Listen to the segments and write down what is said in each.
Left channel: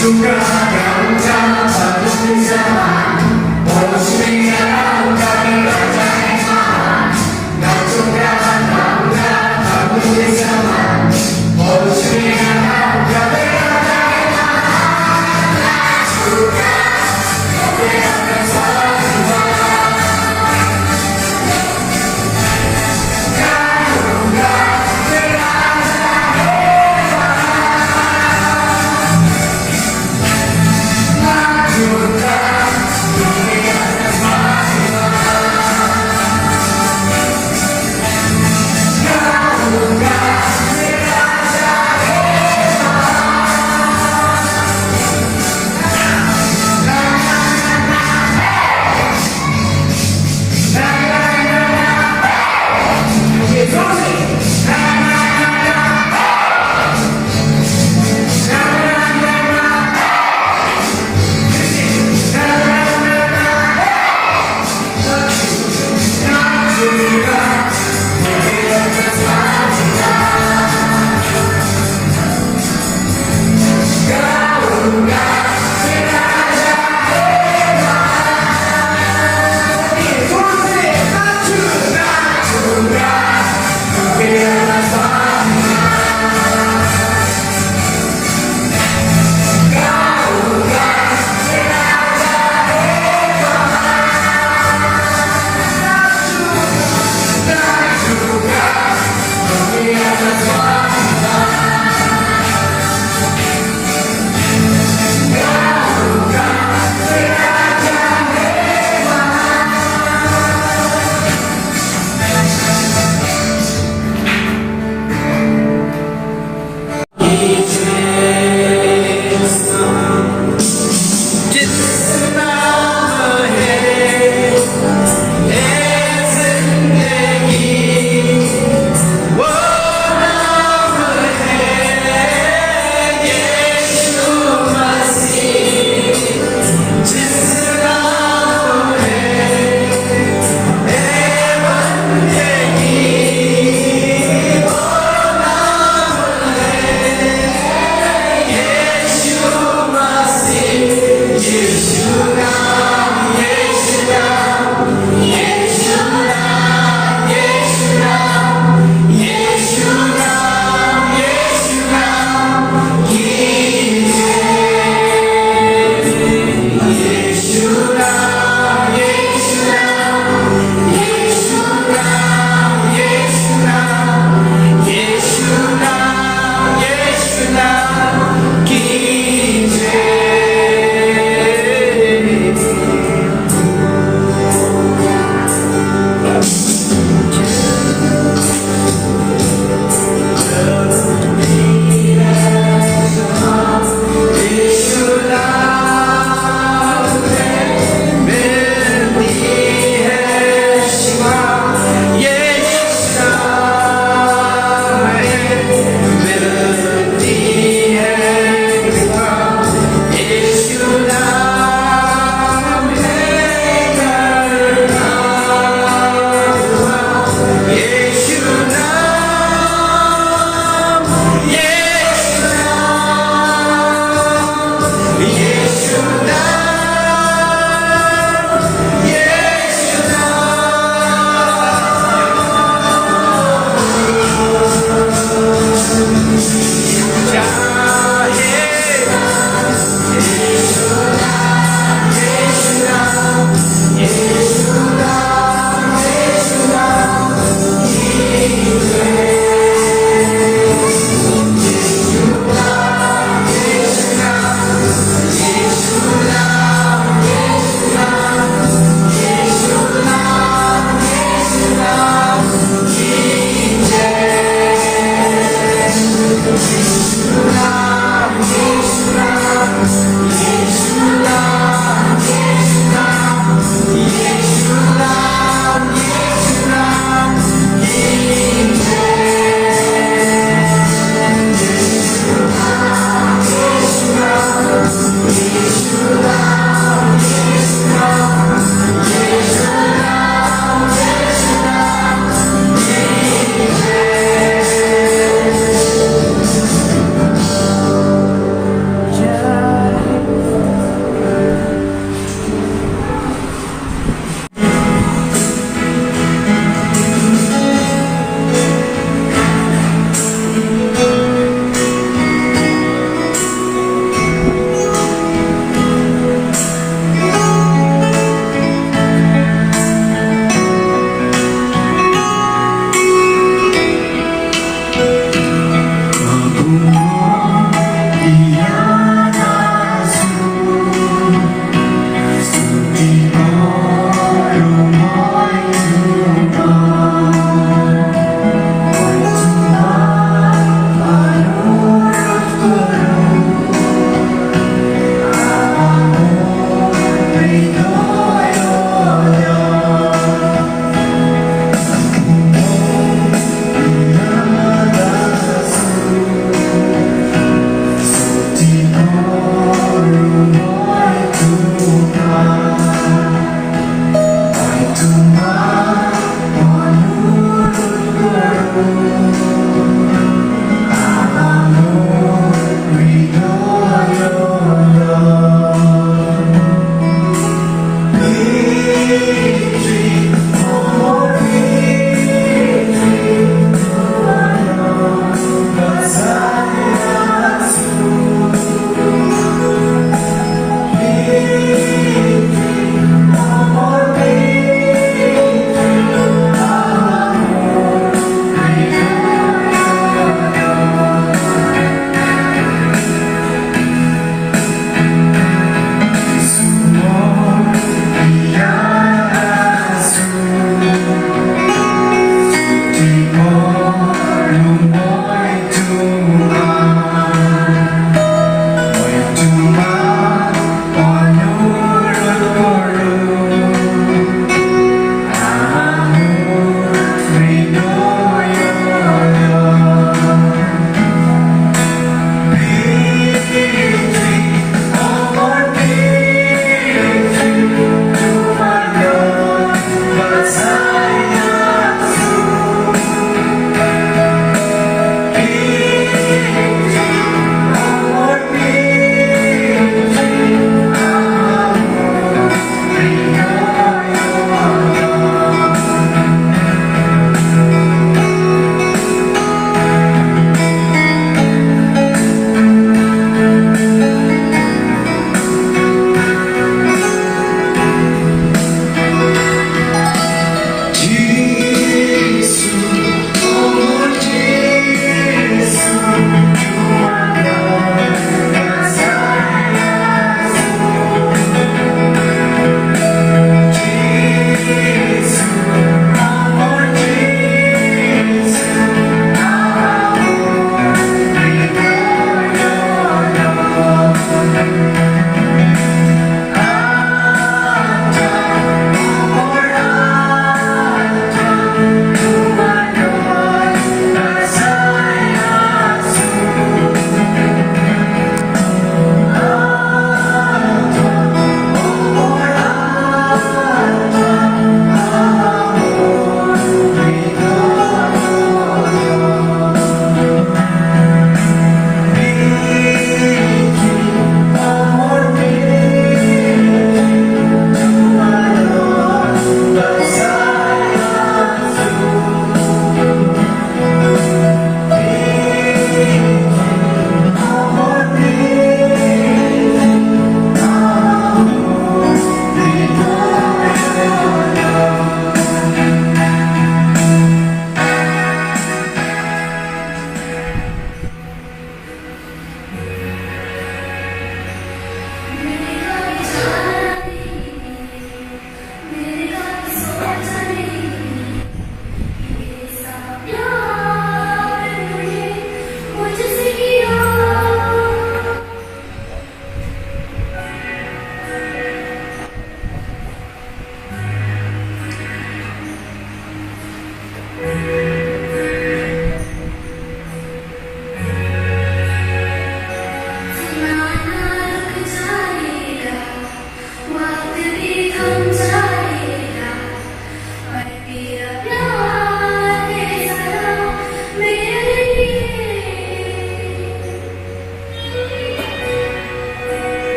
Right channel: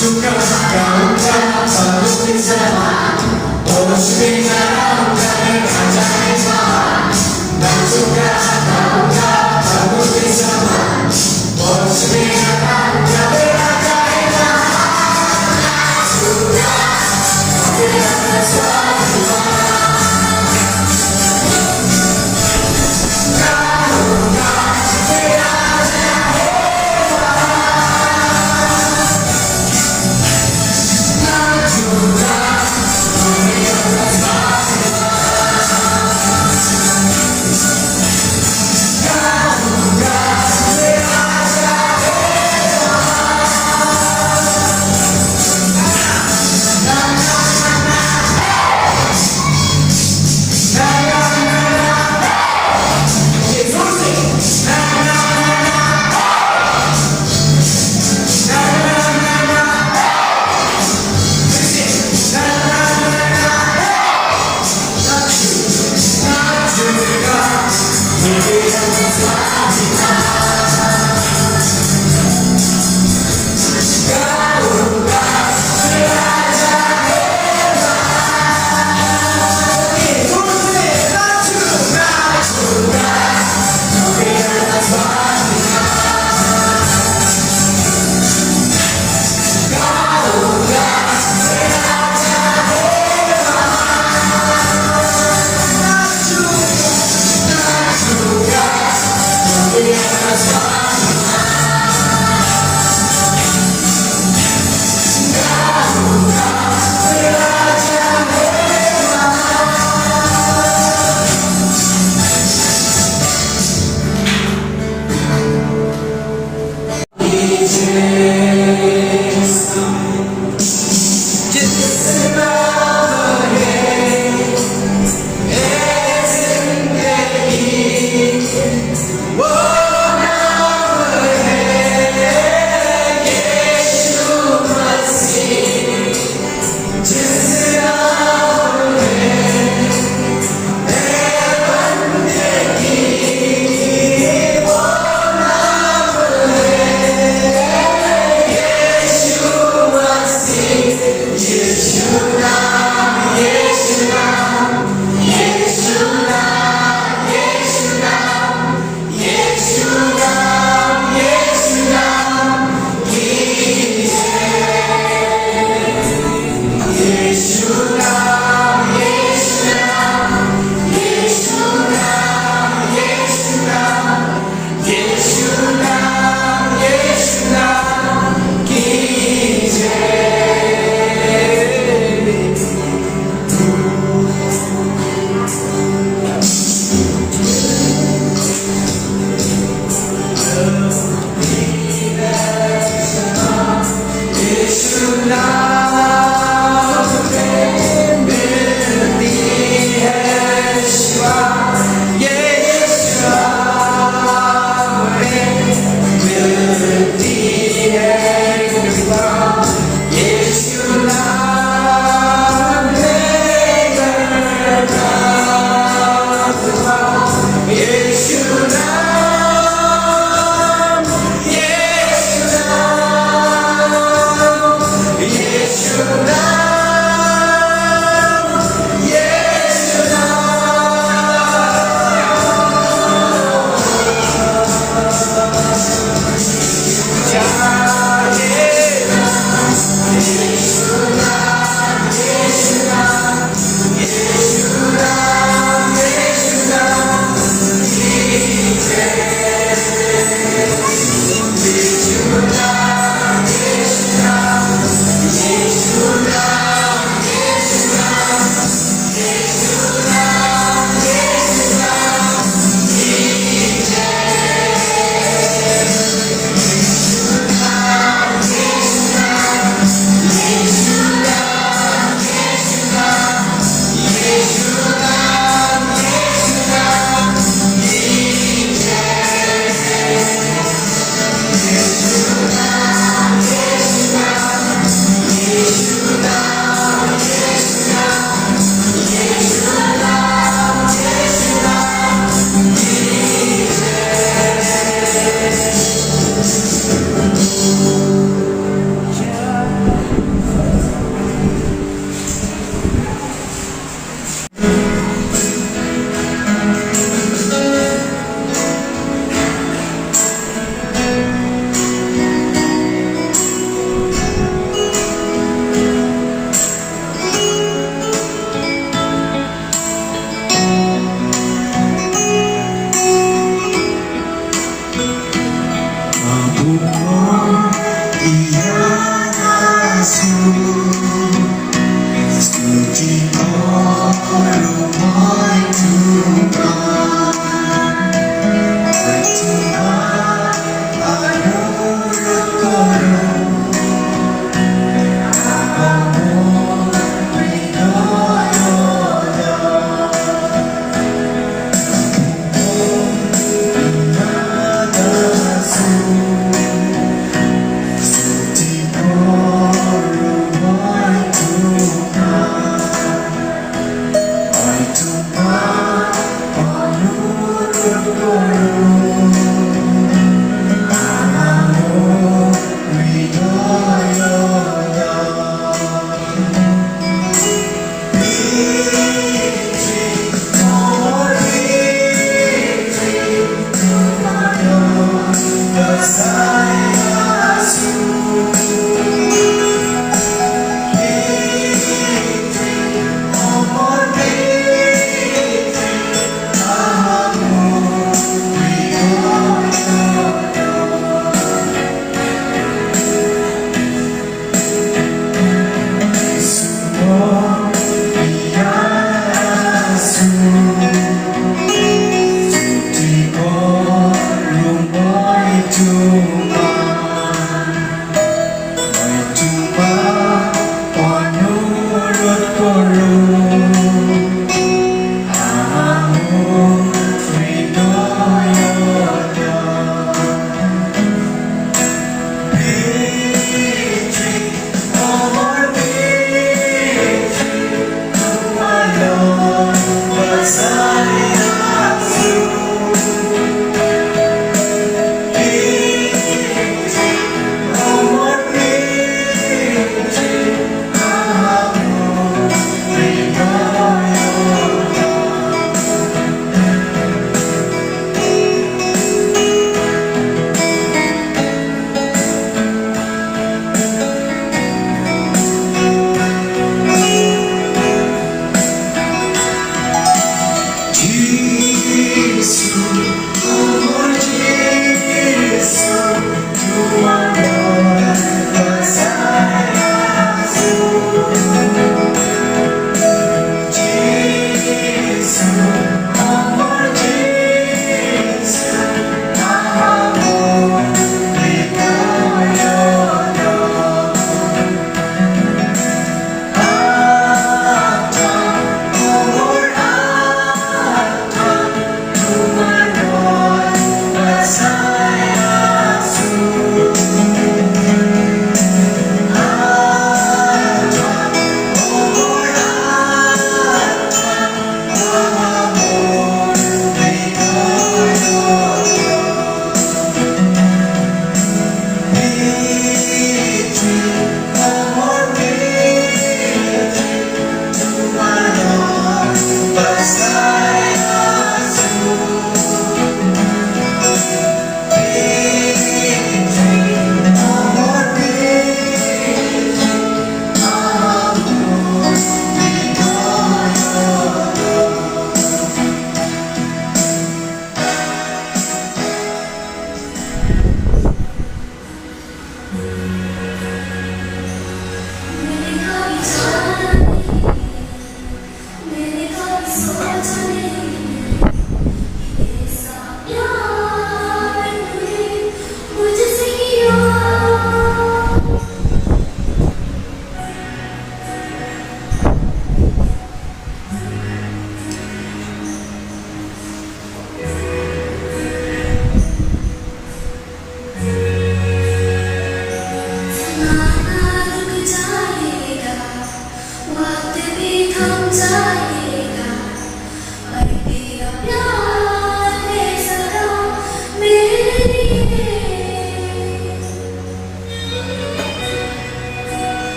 중간 가운데 사는 사람 오시는 나라를 가장해서 남중간 가운데 사는 사람 오시는 나라를 가장해서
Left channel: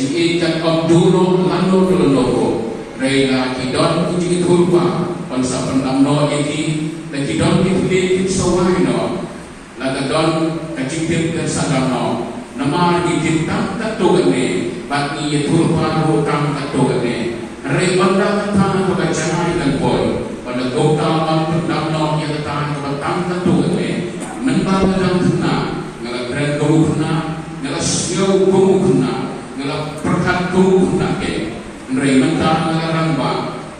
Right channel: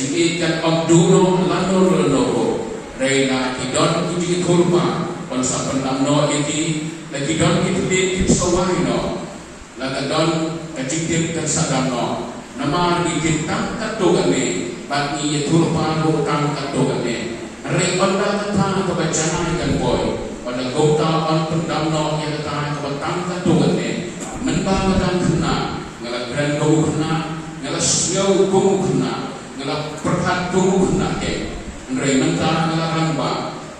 kaji ikan abduro lano lano reina kidon kuji kurba dan sapenam no iki lagi don kita sawai no laga don kaji tip tersadam no nama kita tam katogane bagi ye kurba ro tam katogane re banda kata kebacana ikan boy pada gota am pendam no ye kata tam katogane nembang kadang kena ngala go kena ngala siau go kena ngala perkat go kena ke nrei menta ngala ramba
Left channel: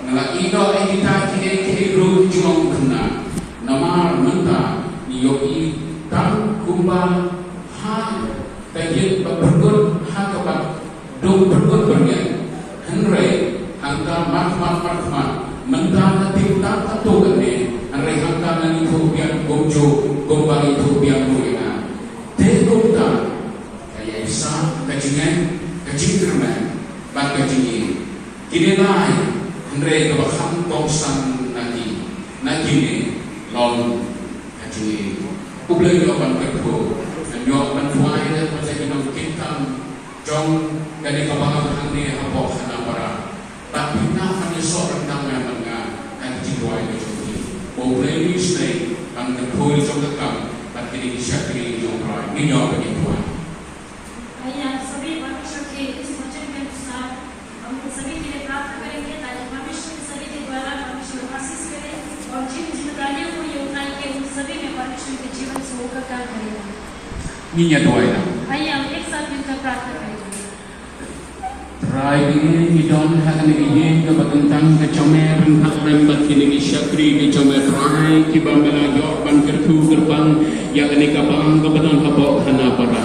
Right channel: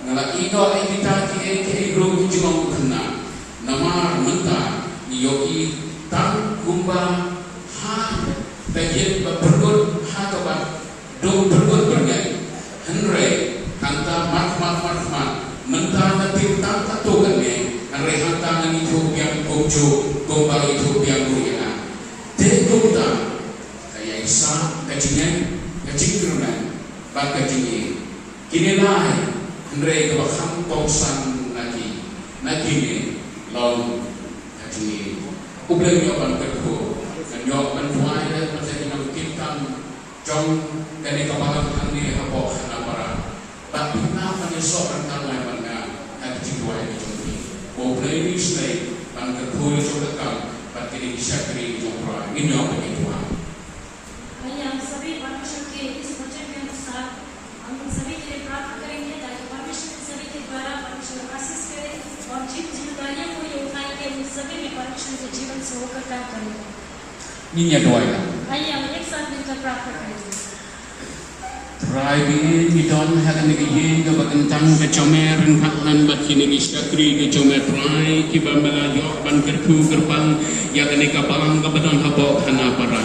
ngala ido kita ki bro jong kena namar menta yogi tam kumba ha bagi bergut ha ka do bergut bergen nrei kanta mak menta na tim ta to gane nrei hanta ngani thu biang gojo gombali thu biang ruya tenggota kaya isa kajingkerman bak kajingi kini lai hendrai kebaham toksan naki ne lawn kajingi ubleng yoban kerko dan yoban fuai dan masa kita kintam jong dari kebaham handi abok hanapara tapi nafani seorang tangan manga kajing duai kajingi ubleng ni snake ang kerko jong dekam kini syakri jomrai minyak bagi Tuhan. आइए सभी परमेश्वर के इस वचन के अनुसार हम सभी के लिए प्रार्थना करेंगे ताकि परमेश्वर सभी के द्वारा परमेश्वर आशीष करे और जिन जिम्मेदारियों को ये उठाए के उन सभी में परमेश्वर के जीवन से होकर कार्य करेगा। Ini doa. आइए हम एक साथ मिलकर प्रार्थना करेंगे। Try begin don hagan begin ke bagantang ke comer hak nambat kini syakri ke comer try ki bambala yo ban kerku gerbang ya kene kapang ke badang habok hana para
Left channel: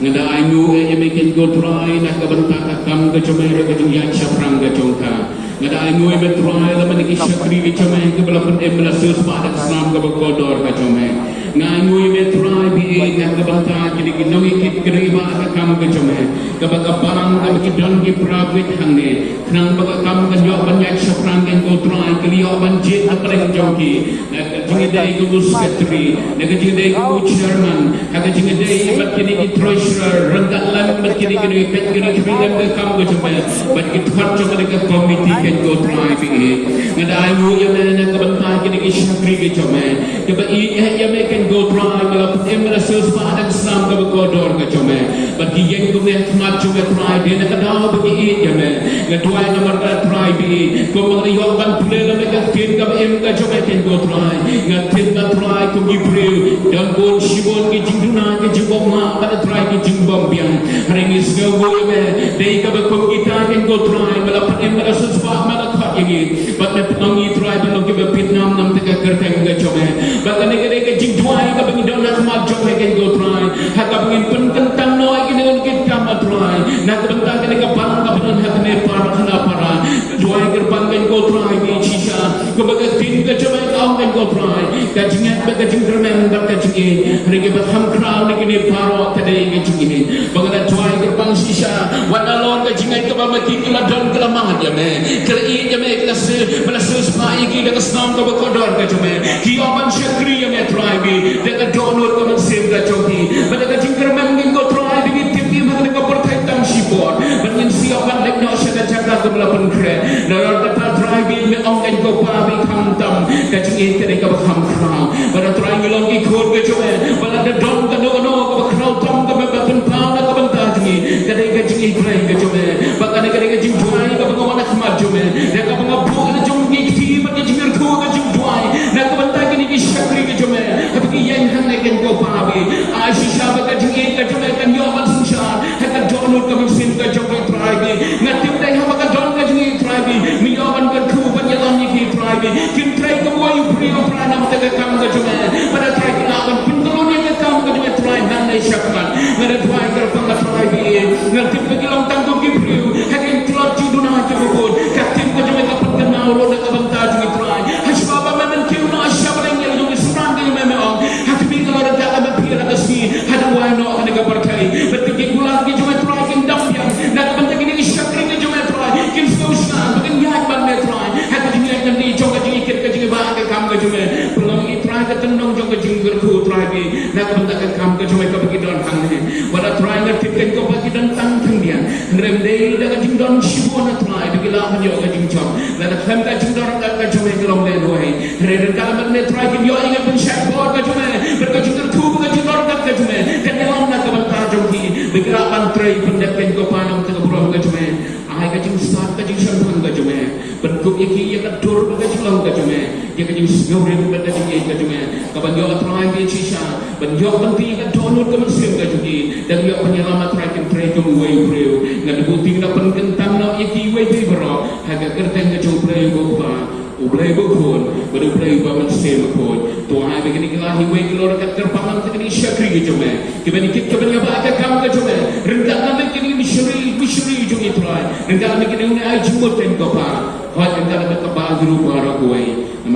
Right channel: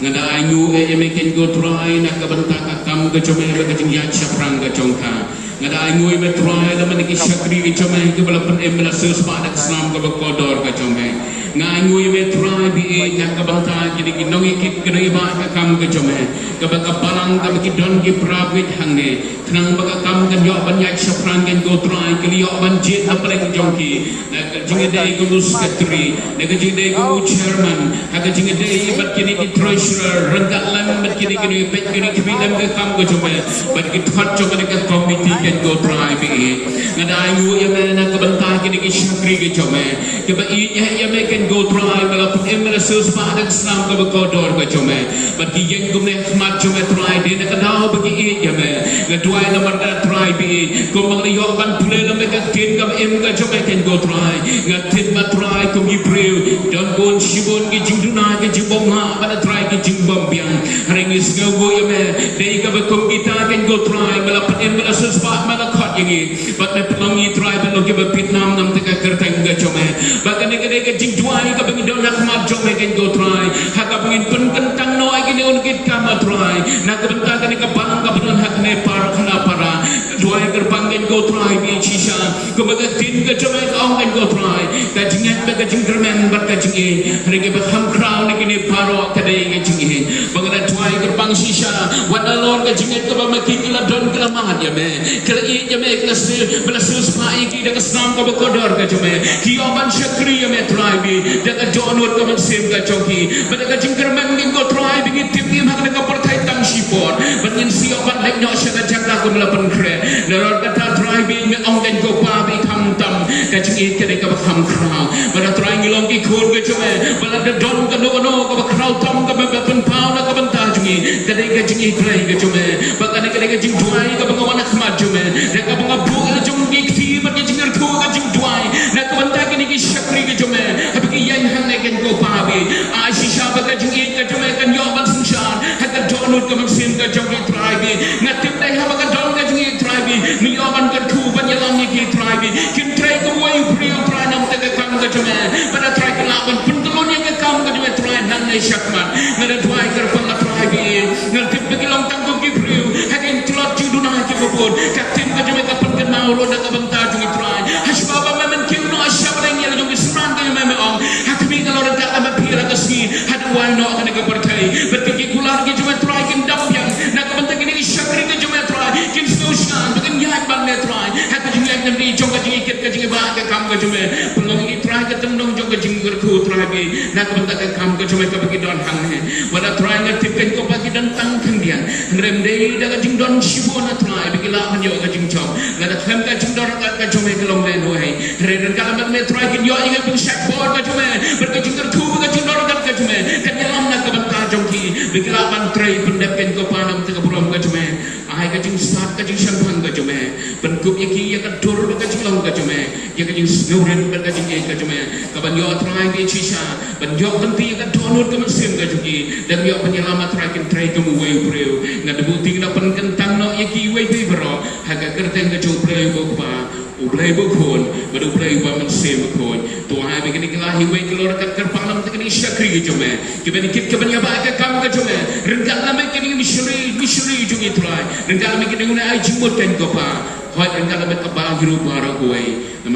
ngada ayu e meken go try nak ke bentak akam ke comer ke jingya chaprang ke jongka ngada ayu e try da man ki syakri ke comer ke balapan emla sus pada islam ke bakodor ke comer ngayu e try bi nak ke bentak kini kinoi kit kene ba akam ke comer ke bakapalang ke don ki Prabit hangge, tenang baga kam kan yo banyak syafran kan go try kali yo banjit apa lagi jongki, nak jingedai go secretary, nak jingedai go chairman, nak jingedai bat kini ki treasurer, renggalan bat kini kini pet kini kibidam ke kam go cuma, bat ki thar cuma dekat committee kan go try bi, ngada ayu yang nak kebentar kini ki syakri ke cuma, keba yang kan go try melaput emra sesuatu Islam ke bekodor ke cuma, bat ki yang go mehmat cuma try dia nak dah bagi me ngadwai namar da try bi ko mangliyo ban pule na me ka tin ka em ka joke ken go try ngatin ba try ko gi breu dam gon shibon ki jingduna ki jibom ma ba try ki jimbom biang haring is go wo me dei ka ba ko kita ken go try mala pat em mala suspa mala khat yegi ba te mangi try ba no ki ba pitnam nam te ka kerteng ga chome ba ka ne ka jingdwai ka ba ngi don nak ma joke ken go try ha ka bingin pun kentang no agi ne un ki kam try na ka bentang ka ne ka kapan hakne para khana para dua gerbang kan go try bi shisha ko baga tin ka chome ka kan go try ka jingat baga jinggermen bat ka jingi rege ba ham crown ni kini paro kadai ka jingi baga try gerbang shisha wan alon ka jingat ka ba mati kila don kila mangat ya me kala i ya me kala se bala sus pai ki da snam ka ba kodor ka chome ki oman shakri ya me try bi da ka jonot ka man sem ka choki baga ka jinggermen ni go try bi tip ni hakne ka perthai tam shipon ban siapa lek no syaga jaga ko melapan kre naror kata driving me ong kan ko pa bi kham tam ka chingi ke ka kham khra bara trying long ki khod ke chome bara de don ka no ka khra tam ka be pen pa na ka ban ta chingi ka chingi try ke chome ba ka ka jing duai ka ba wana khma chome de ka ba bu jung ki thi ba ke jingir thu ka jing duai na ka ban ta ki shakri ke chome ha ki yan han ne kan ko pa bi a shisha ba ka chingi ka chome kan yo ban sunshar ha ka jonut ka sin ka chome ngatim dai ha baga don ga jingi tribe ni yoban ga thu ban yalan ni ki tribe kin try ko wai priyo try nam te kam ga jume pada try ka ban pundulon ni ga kam ga jume try nan nei shakman ngada try ga pang ga tribe ngatim bagi long tang ko ki priyo hakin tlot ju duna ki bobod katim ga jume ka pun na ro da ka ban ta jingi try hashba ba men ki no ashab reng ya ju suran ga me me on hatmi ga lor da ma pira ga si hadu wa no ka ga partai betti ki gular ki jume try kim dam yang na ka ban ta ki shakri ga jume try kim solution bagan yak ban ne try hadu jingi ak ni jong ga jingi kit ga jingi ba ga kam ga jume pelong ki try ga tendong jong ga jingi ga khu try bi na ka ban ta ka kam ga jume ka bagi don hang ne wala try ga tip ken ko bagi don tang thang dia rem dei da jing don shibon atrai bigila kan yo ka jing chom la da kham ka jing don ka chome kelong le no hai re re kala mat me trai kin yo inga pun shat bod ka chome ber ka jing thu ka jing don ka chome kan yalam na ka banta jong ki bigila ban trai pendek ken ko panam ta ka buram ka chome ai ka jing sat ka jing shan thang ka chome ban kup ye ki ya ka dur ka jing long ka chome ya ka jing snurem ka jing ye ka chome ka ban yo atrai ke chisha ban yo kan ti ka donut ka sim ka juki dan yo penyelamat rakyat trai jong wei breu ngad buting na pen kentang no ye ki wei be bro ha ka kerteng ka jong breu bo ba u breu bo khon baru breu ba man sem ko to ha be ni kala hi wei ki lor ka ter palang ta ni shakri ke jome ke ben kit ke ben ya ba ka kam ka jome rengka na me ki ni misri jong itrai rengka me ki ni ai jumot ten ko pa hoi rengka na me ka ba gru ba ro ko wei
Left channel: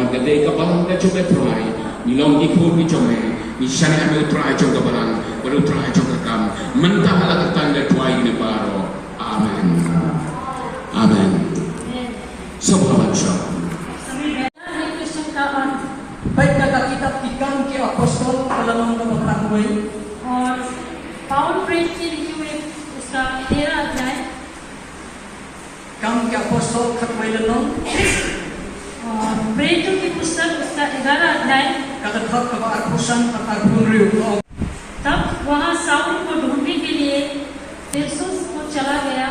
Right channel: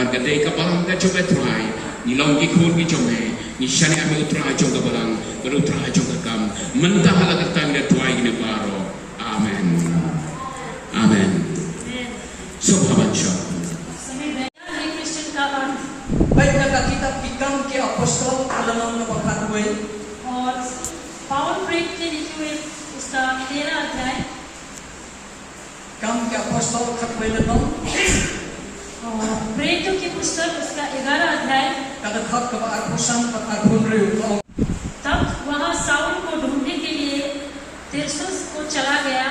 na ka dei ka palang ka jome trai ni long ki khon ki jome ni shani ame utrai jong ka palang baru utrai jong ka kam mentah ala ka tangga tuai ni baro amen amen Subhanallah सभी बैठा है क्रिश्चियन का अर्थ Baik kata kita pikam ke apostol dalam kebakan gue. और पावन प्रेरित के लिखे हुए उसका 13 अध्याय Kam ke apostol kat gue dalam और प्रेरितों की पुस्तक उसका 11 अध्याय kata khat ke arpusan kata punriu. तब वहाँ साउल को ढूंढने के लिए तिरसुस को चला गया।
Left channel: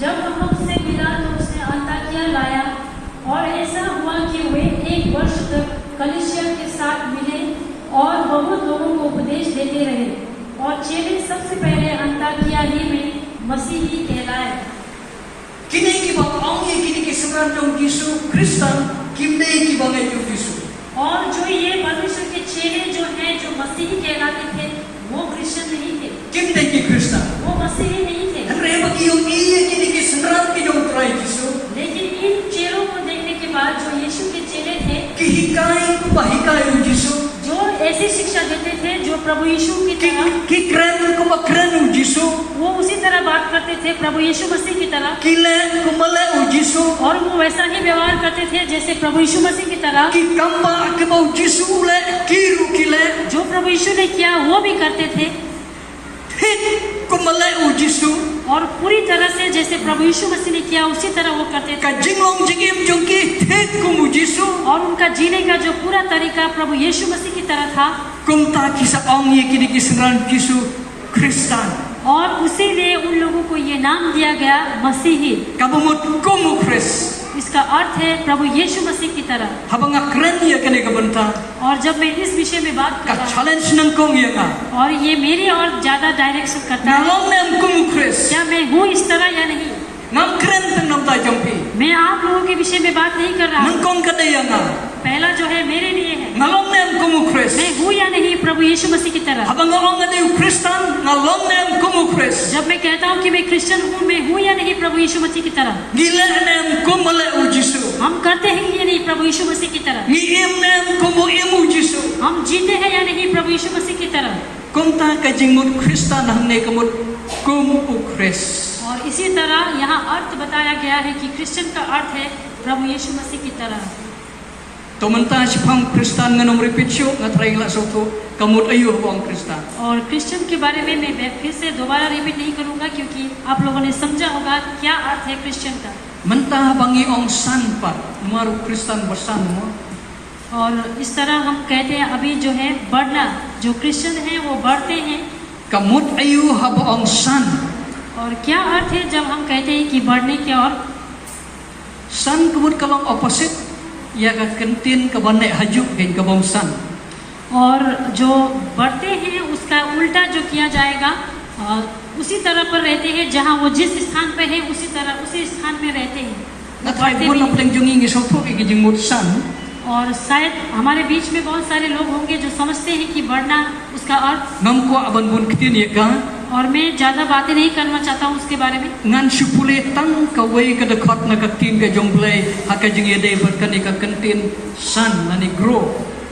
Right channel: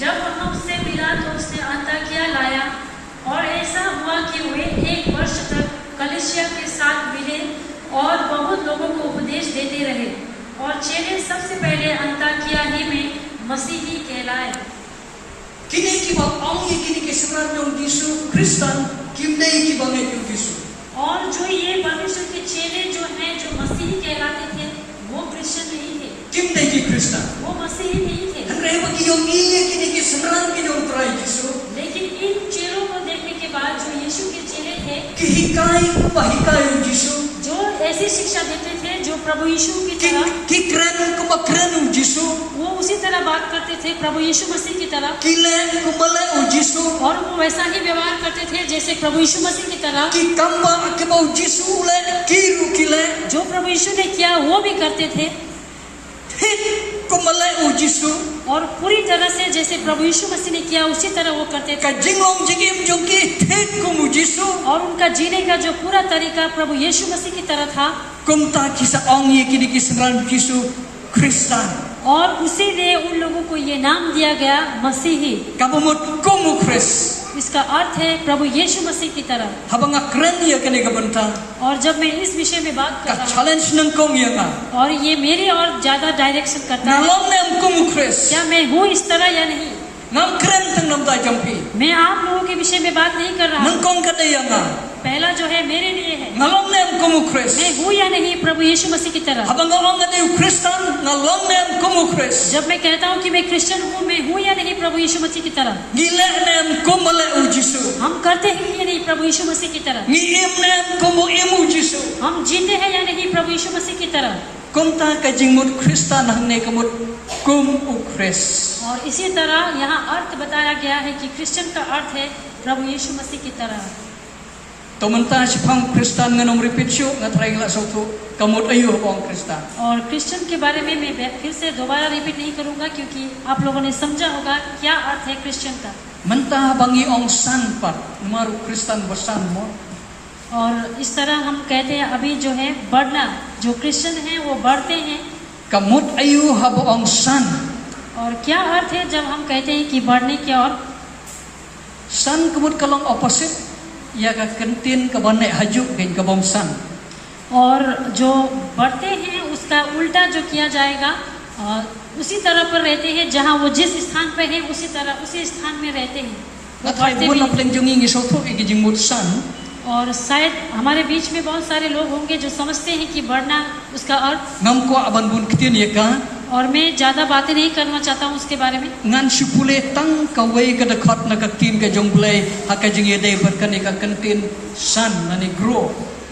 जब वह उससे मिला तो उसने अंताकिया लाया और ऐसा हुआ कि वे 1 वर्ष तक कलीसिया के साथ मिले और बहुत लोगों को उपदेश देते रहे और चेले सबसे पहले अंताकिया ही में मसीही कहलाए। Kini kiba ongi kini ke sebenarnya Yesu Kristen kimne kiba ngai Yesu. और जो ये परमेश्वर के चेले जो हैं जो मसीही कहलाते थे वो क्रिश्चियन नहीं थे, Kimne ki Kristen. वो मसीही नहीं थे। Henry bagi yung kini ke sebenarnya ki dong try Yesu. लेकिन इन चेलों को देखने के बाद जो यीशु के चेले थे Ki hikai bahikai Yesu. जो ऐसी शिक्षा देते थे जो प्रभु यीशु की तरह Ki keren kuma keren Yesu. वो उसी तरह बात करते थे प्रभु यीशु मसीह की तरह Ki le kumale Yesu. और वो वैसा ही व्यवहार करते थे जैसे प्रभु यीशु मसीह की तरह। Ki kamba akibau Yesu le kiru kile. जो प्रभु यीशु ने किया वो भी करते थे Kumale Yesu. और पूरी तरह से जैसे प्रभु यीशु मसीह ने किया उसी तरह वो करते थे Ka jinglong jingim jongki thik kumu Yesu. और उनका जीने का जो पूरा तरीका प्रभु यीशु मसीह की तरह था Kumta kisa ongi kini ke sebenarnya Yesu Kristen. और उसीलिए उन लोगों को ये नाम दिया गया मसीही। Kabumut kumu Kris. इसका अर्थ है प्रभु यीशु मसीह की तरह। Habang keren ya kene kabenta. और जब मैं इस विषय में बात कर Ka रहा हूँ challenge nang kong ya ka. और ये मेरी और ज्यादा डायरेक्शन करता है Nalong nem kumu Kris. क्या मैं हूँ इस तरह या नहीं। Nam keren teng nam ta jongpi. मैं आप लोगों के विषय में बात नहीं कर रहा Nang हूँ। kong kade ya nga. पहला जो है मेरे लिए है Nalong nem kumu Kris. मैं हूँ या नहीं प्रभु यीशु मसीह की तरह। Habang ong ade Kristen nalong nem kumu Kris. जब मैं कहता हूँ कि मैं क्रिश्चियन हूँ मैं हूँ या नहीं प्रभु यीशु मसीह की तरह। Gile nem kumale Yesu. हम करते हैं या नहीं प्रभु यीशु मसीह की तरह। Ngiem nem kumu imu Yesu. हम जीते हैं या नहीं प्रभु यीशु मसीह की तरह। Kumta ka jingmut Kristen hamne kamut kumu Kris. और इसी तरह यहाँ अर्थ बताया गया है कि क्रिश्चियन का अर्थ है प्रभु यीशु मसीह की तरह। Tumenta sipang Kristen nganong repeat syo ngatray la soko kamut ayu ang Kristen. और क्रिश्चियन के बारे में मैं फिर से दोबारा रिपीट नहीं करूंगा क्योंकि आप लोगों ने समझा होगा क्या अर्थ है क्रिश्चियन का। Menta bangi ong san pa maru Kristen bersan mo. और इस तरह हम कहते हैं अभी जो है बढ़ना, जो क्रिश्चियन है वो बढ़ते हैं। Kamut ayu haba ong san. और क्या अर्थ है जब हम कहते हैं कि बढ़ने के और San kamut kalong opposite ya ka kentin ka bane haju ken ka bong san. और जो बढ़ते हैं उसका उल्टा जो किया जाएगा उसी तरह पर रहते हैं जहाँ वो जिस स्थान पे है उसी तरह उसी स्थान में रहते हैं। Natray बढ़ते mo भी na हैं। pleng jungi ngi soko igi jingmut san. और शायद हमारे बीच में बहुत सारे लोग होंगे जो समझते हैं कि बढ़ना उसका अर्थ। Ngam ko aban bun ketin ya ka. और मैं ज्यादा बातें नहीं करना चाहता हूँ उसके बारे में। Ngan supule tang ka wei ka dekat na ka tin ka jongplay ha ka jingi dei ber ka ni ka kentin san nani grow.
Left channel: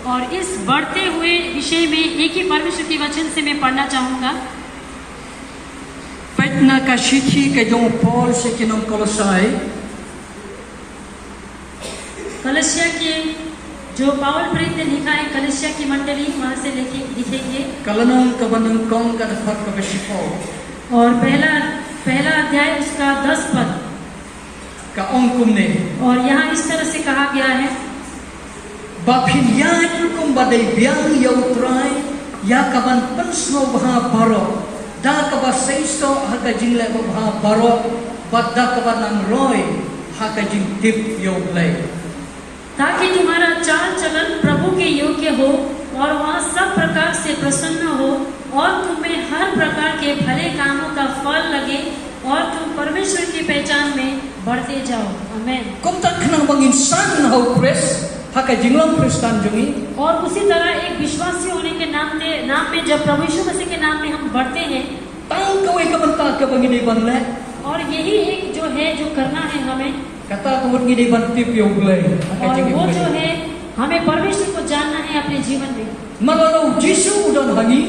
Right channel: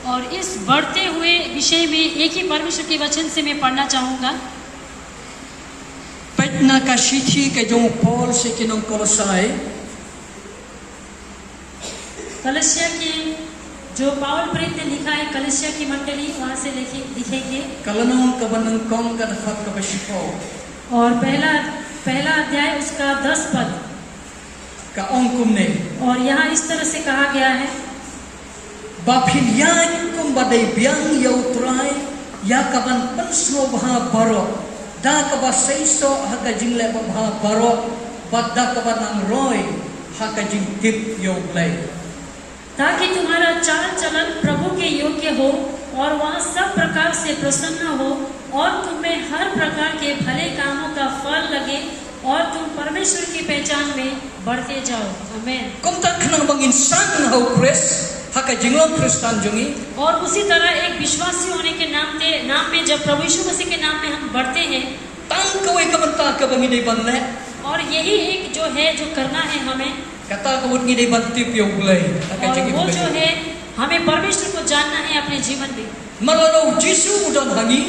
और इस बढ़ते हुए विषय में एक ही परमेश्वर के वचन से मैं पढ़ना चाहूंगा। Petna ka sithi ka jong Paul se kinong Kolosai. Kalsia की जो पावल प्रेरित ने लिखा है कलसिया की मंडली वहां से लिखेंगे। Kalanong ka banang kong ka dekat ka sipo. और पहला पहला अध्याय उसका 10 पद। ka ong kumne और यहाँ इस तरह से कहा गया है, baphinyan kum badai biang yau trai ya kaban pensno bha baro da kaba seiso haka jingle bha baro badda kaba nan roy haka jing tip yau play ताकि तुम्हारा चाल चलन प्रभु के योग्य हो और वह सब प्रकार से प्रसन्न हो और तुम्हें हर प्रकार के भले कामों का फल लगे और तुम परमेश्वर की पहचान में बढ़ते जाओ। आमीन। kum tak khnang bangin san hau kres haka jinglong kristan jungi और उसी तरह एक विश्वासी होने के नाम में जब प्रभु यीशु मसीह के नाम में हम बढ़ते हैं, tang kawai kabanta ka bangini banle और यही एक जो है जो करना है हमें, kata kawut ngini bantip yau play haka और jingi वो जो play है हमें परमेश्वर को जानना है अपने जीवन में। malalo jisu udan hangi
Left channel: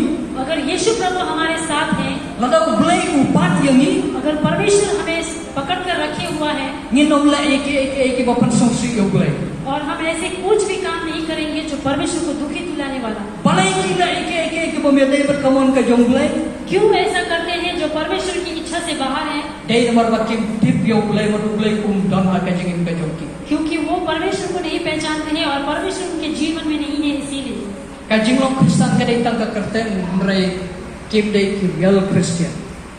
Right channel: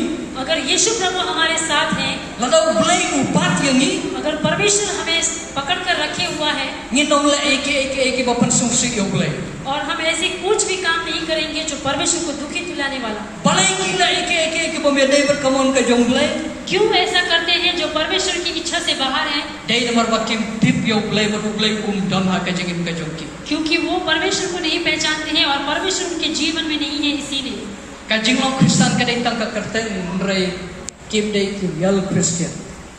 अगर यीशु प्रभु हमारे साथ हैं, ladau play upat yangi अगर परमेश्वर हमें पकड़ कर रखे हुआ है nginong la eke bapan sungsik yau play और हम ऐसे कुछ भी काम नहीं करेंगे जो परमेश्वर को दुखी दिलाने वाला। balai kila eke pemedai berkawan ke jonglai क्यों ऐसा करते हैं जो परमेश्वर की इच्छा से बाहर है? dai mar bakim tip yau play maruglai dan haka jingin ka jongki क्योंकि वो परमेश्वर को नहीं पहचानते हैं और परमेश्वर उनके जीवन में नहीं है, इसीलिए। ka jinglong kristan ka dai tang ka karte mrai kim dai ki real christian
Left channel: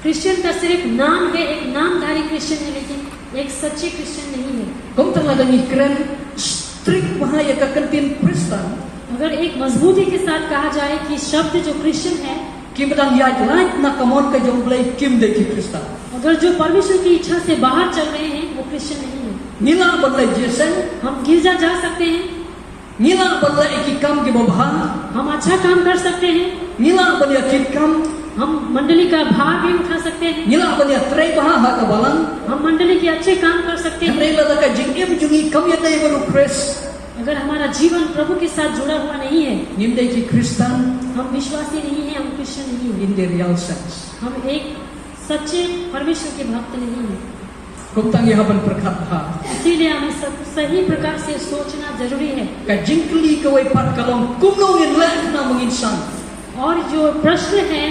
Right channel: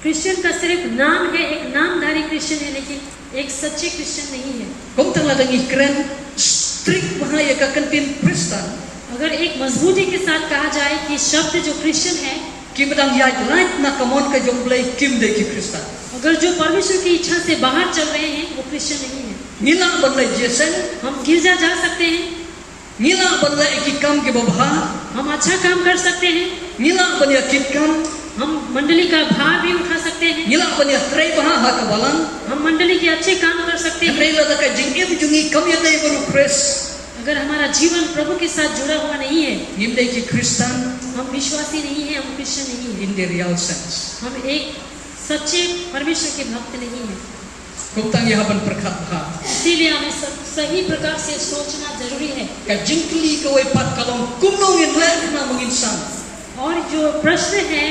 Christian का सिर्फ नाम है, एक नामधारी क्रिश्चियन है, लेकिन एक सच्चे क्रिश्चियन नहीं है। kom tang ladang ikren strict bahaya ka kantin kristan अगर एक मजबूती के साथ कहा जाए कि शब्द जो क्रिश्चियन है, kim badang ya light na kamon ka jonglai kim dai ki kristan अगर जो परमेश्वर की इच्छा से बाहर चल रहे हैं, वो क्रिश्चियन नहीं है। nila badai jesen हम गिरजा जा सकते हैं, nila badai ki kam ke babha हम अच्छा काम कर सकते हैं, nila badai ki kam हम मंडली का भार भी उठा सकते हैं, nila badai trai baha haka balan हम मंडली के अच्छे काम कर सकते हैं। Henry lada ka jingim jungi kam ya dai baru kres अगर हमारा जीवन प्रभु के साथ जुड़ा हुआ नहीं है, nimdai ki kristan हम विश्वासी नहीं है, हम क्रिश्चियन नहीं है, in the real sense हम एक सच्चे परमेश्वर के भक्त नहीं है। kom tang ya ban perkhat ha इसीलिए हमें सही प्रकार से सोचना जरूरी है। ka jingkli ka wai pat kalong kumno in le na mong insan और जो प्रश्न है,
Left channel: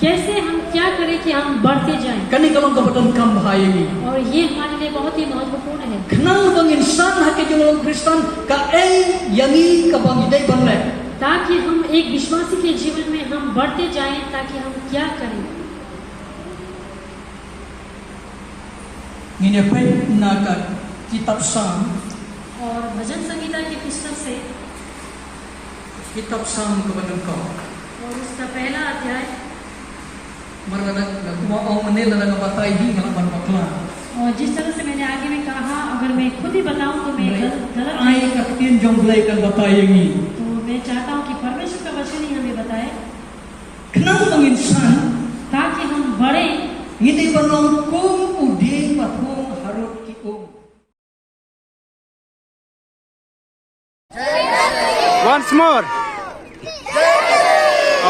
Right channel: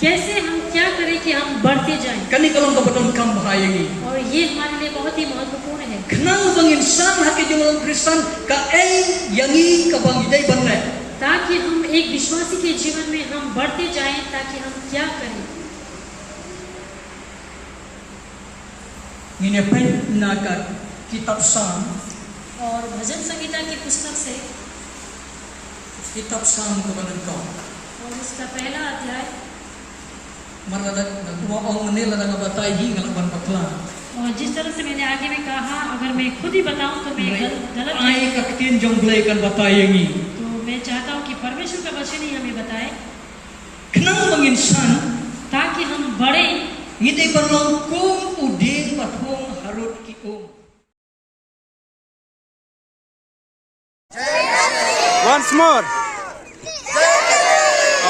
कैसे हम क्या करें कि हम बढ़ते जाएं, kani kalong ka badan kam bahayagi और ये हमारे लिए बहुत ही महत्वपूर्ण है। knang bang insan ha ke jolong kristan ka ei yangi ka bang dai ban le ताकि हम एक विश्वासी के जीवन में हम बढ़ते जाएं, ताकि हम क्या करें। ngine pai na ka kitab sam और भजन संगीता की पुस्तक से kitab sam ko badan ko और उसका पहला अध्याय, marwada gua ong ne lada batai hi ngala ban bakla और जिस तरह से मैंने आगे में कहा, अगर मैं खुद ही बताऊं तो मैं गलत ai ka tin jonglai kan batayangi तो मैं चाहता हूं कि परमेश्वर का वचन ही हमें बताए, knang bang insan ताकि हम बढ़े। ngide barong kum udin pathong harut ki Once more.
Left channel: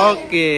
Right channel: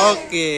Okay.